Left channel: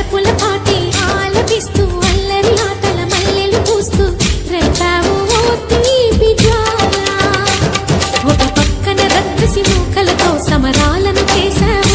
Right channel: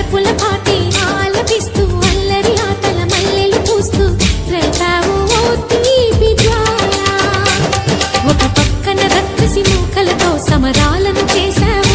వలపుల పాటే ఆలపిస్తూ అల్లరి ఆటల మల్లెలు పూస్తూ రేపావు ఓ తీపి జ్వాల. ఒక పక్కన రక్కసి మూకలతో సమరాలను చేశావు,